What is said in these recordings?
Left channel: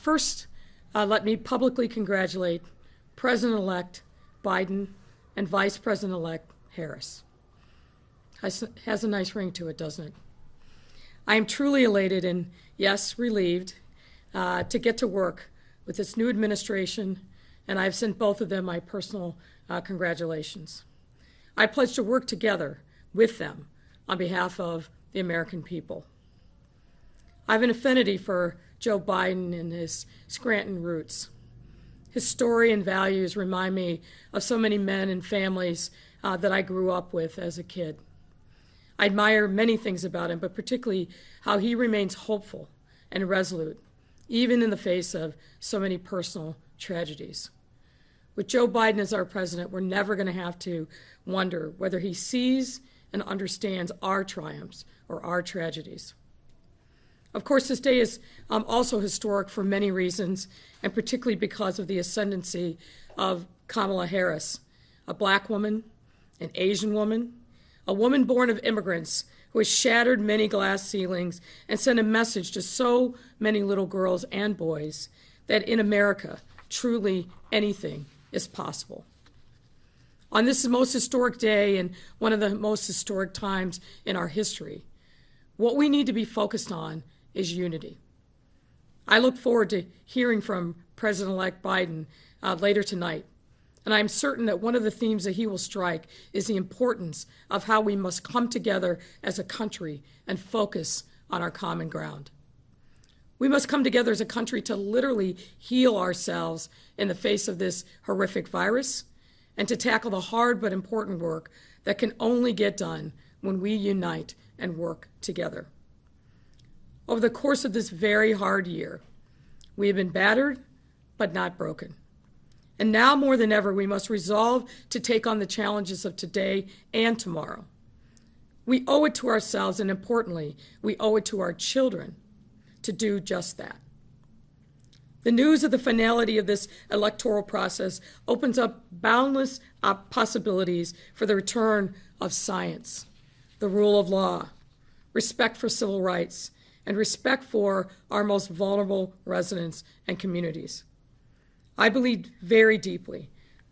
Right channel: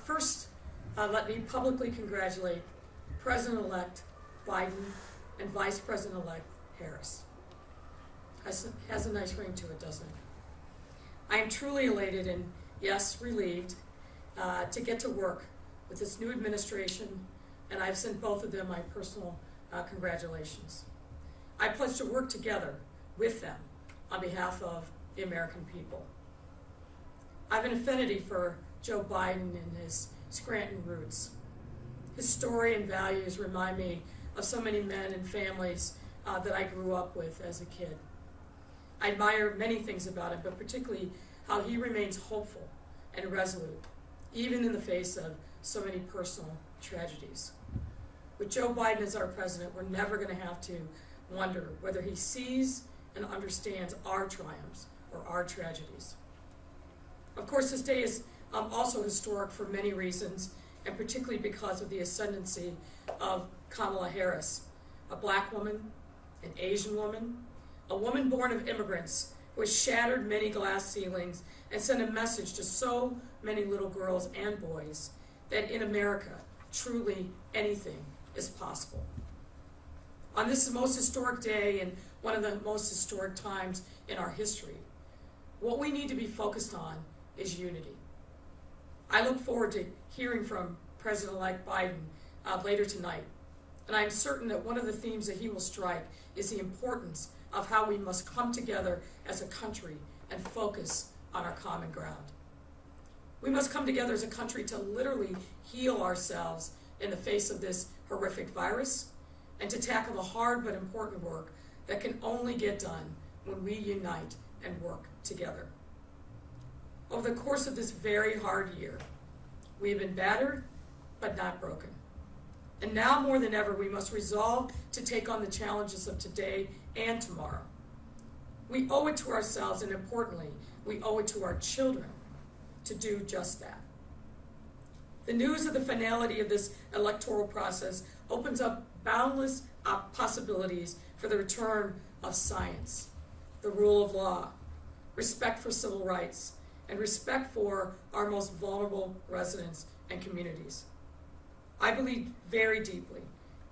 First, let me publicly congratulate President-elect Biden and Vice President-elect Harris. Has a nice ring to it, doesn't it? I am truly elated and, yes, relieved to get to work with this new administration, and I've sent both of them my personal congratulations. I pledge to work together with them on behalf of the American people. I have an affinity for Joe Biden and his Scranton roots. His story and values remind me of so many men and families that I grew up with as a kid. I admire many things about him, but particularly how he remains hopeful and resolute, even in the face of so many personal tragedies. With Joe Biden as our president, we're never going to have to wonder whether he sees and understands our triumphs or our tragedies. Of course, this day is also historic for many reasons, and particularly because of the ascendancy of Kamala Harris, a black woman, an Asian woman, a woman born of immigrants who has shattered many glass ceilings and sent a message to so many little girls and boys that in America, truly anything is possible. On this most historic day and one of the most historic times in our history, what we need to be focused on is unity. I look forward to hearing from President-elect Biden later tonight, and I'm certain that one of the themes that he will strike is the importance of how we must come together as a country and focus on our common ground. We must come together as a country to literally heal ourselves in the face of this horrific virus and to tackle the hard but important work that can only get done when we unite and work together. Over the course of this very hard year, we have been battered but not broken. And now more than ever, we must resolve to take on the challenges of today and tomorrow. We owe it to ourselves, and importantly, we owe it to our children to do just that. The news of the finality of this electoral process opens up boundless possibilities for the return of science, the rule of law, respect for civil rights, and respect for our most vulnerable residents and communities. I believe very deeply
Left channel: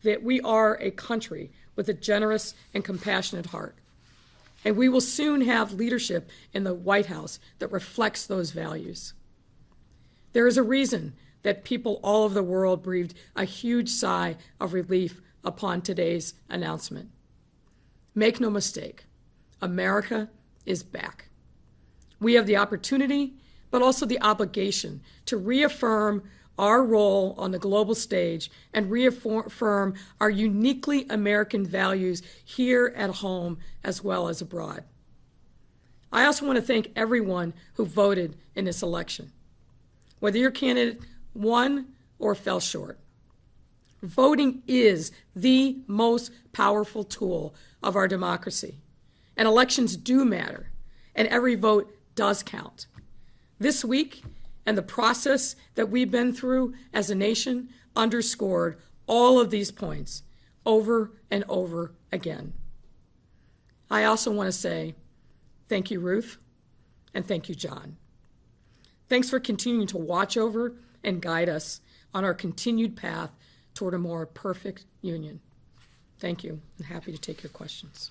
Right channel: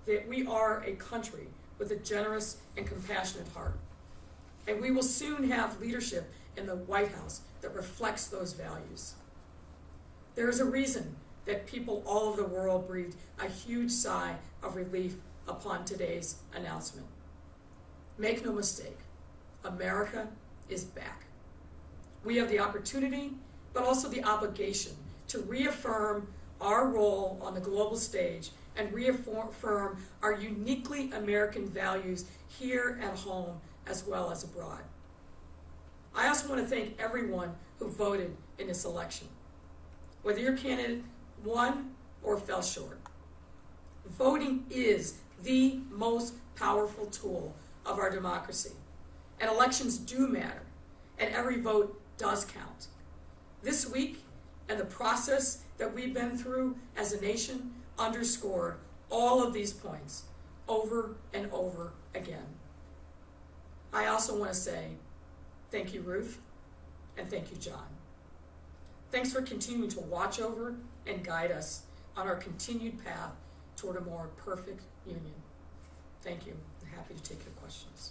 that we are a country with a generous and compassionate heart, and we will soon have leadership in the White House that reflects those values. There is a reason that people all over the world breathed a huge sigh of relief upon today's announcement. Make no mistake, America is back. We have the opportunity, but also the obligation to reaffirm our role on the global stage and reaffirm our uniquely American values here at home as well as abroad. I also want to thank everyone who voted in this election, whether your candidate won or fell short. Voting is the most powerful tool of our democracy, and elections do matter, and every vote does count. This week and the process that we've been through as a nation underscored all of these points over and over again. I also want to say thank you, Ruth, and thank you, John. Thanks for continuing to watch over and guide us on our continued path toward a more perfect union. Thank you. I'm happy to take your questions.